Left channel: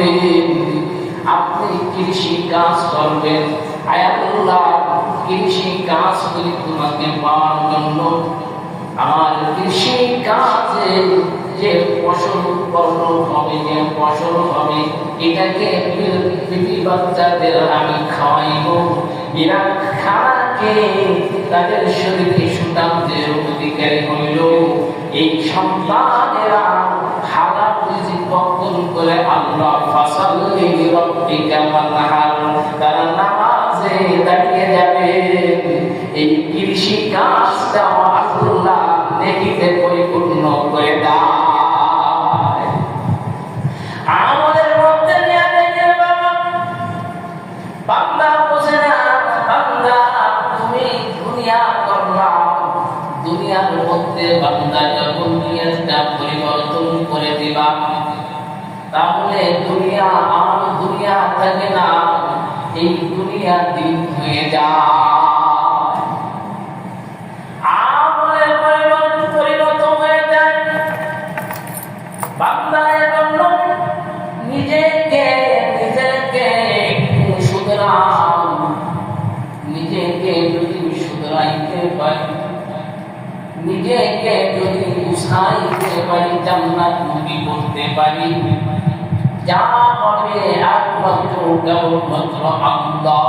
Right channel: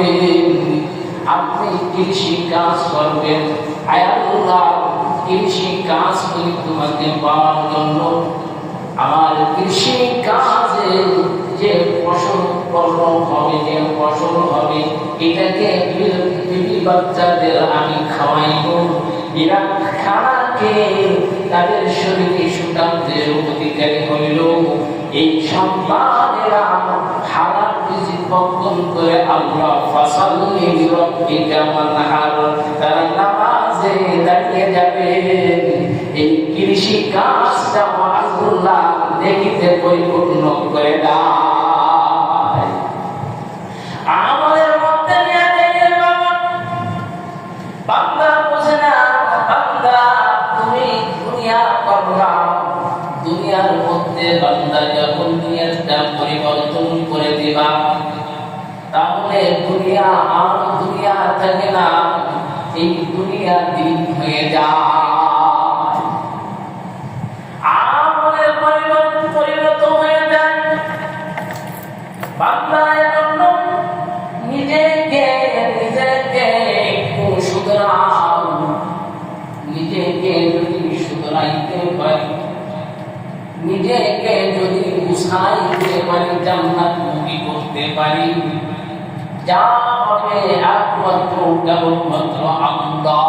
করবেন, আপনি কৃষি কাজ করবেন। আয় আল্লাহ, কৃষি কাজ করি তোমাকে পাওয়ার জন্য। আমার কৃষি কাজে যে ফসল উৎপন্ন হবে, যে ফসল হবে, এটাকে বিবি বাচ্চাদের আমি খাওয়াইব। এরা খাকে তাদের শরীরে সুতান্তের অধিকারী হইল। এই সন্তানেরা হালাল রিজিক বক্ষণ করে আল্লাহ ফাসাল্লি লিরাব্বিকা ওয়ানহার, তারা নামাজে দাঁড়িয়ে যাবে। এই কৃষি কাজটা আল্লাহ দেখিতে পরিপূর্ণ করে দেয়। আমাদের মধ্যে নিয়ে যায় বান্দা বোঝে না, বান্দা তুমি দুনিয়া করবা। দুনিয়ার মধ্যে বান্দা যখন দুনিয়াটা পরিবর্তন করে দিবা, তাহলে দুনিয়া আর দুনিয়া থাকে না, এই দুনিয়া দিন হয়ে যায়। আমলের পরিণত হয়ে যায়। বান্দা এখন নিজেকে একটু শুধরাও। নিজেকে যদি শুধরাইতে পারি, নিজেকে যদি গুছাইতে পারি, জান্নাতমুখী করতে পারি, যা হবে একমাত্র কেবলমাত্র আল্লাহ।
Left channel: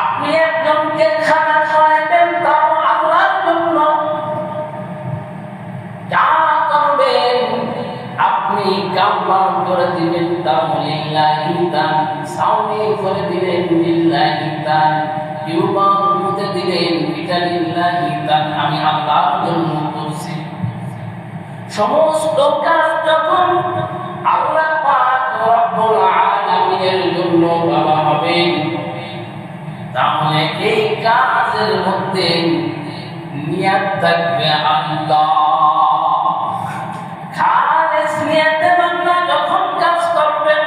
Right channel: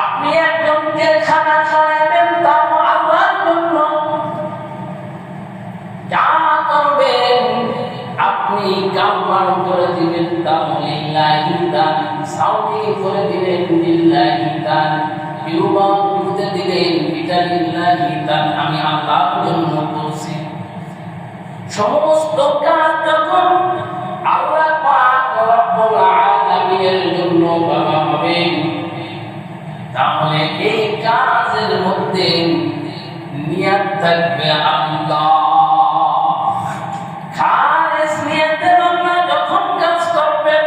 আপনি একজনকে খানা খাওয়াবেন, তাও আল্লাহর জন্য। যা করবেন আপনি কারবার করে দিবেন, তাও লিল্লাহি দান। সাউমি করে দিবেন লিল্লাহি দান। বিবাহ দিতে দিবেন, এটা লিল্লাহি দান, আমি আল্লাহর জন্য করছি। সমস্ত কাজ যখন আল্লাহ পাক রব্বুল আলামিনের জন্য করা হবে, তাহলে এই কাজের মধ্যে নিয়ত থাকবে আল্লাহ। খালিস নিয়তে বান্দা যখন কাজ করবেন,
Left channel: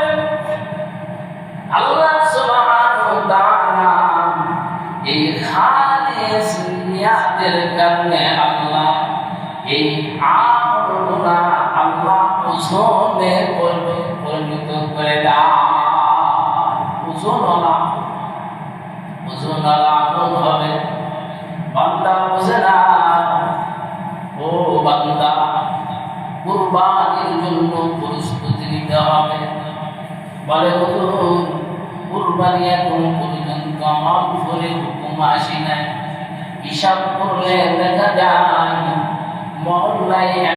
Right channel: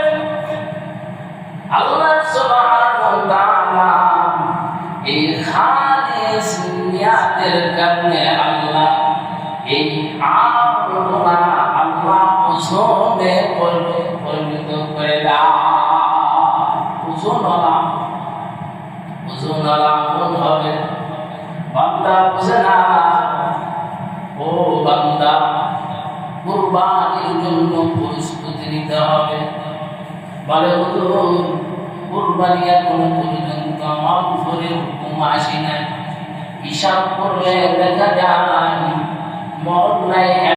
আল্লাহ সুবহানাহু ওয়া তাআলা এই খালিস নিয়তের কারণে আল্লাহ এই আল্লাহ ওজনে পরিণত করে দেয়। ওজন হবে। বান্দা বুঝে না, ও বান্দা কুরবানির জন্য প্রস্তুতি নিতে হবে। বলে হুজুর, কুরবানি এখন পর্যন্ত আমার উপরে হুকুম আসে নাই। হিসাব করলে দেখা যায় মহল্লায়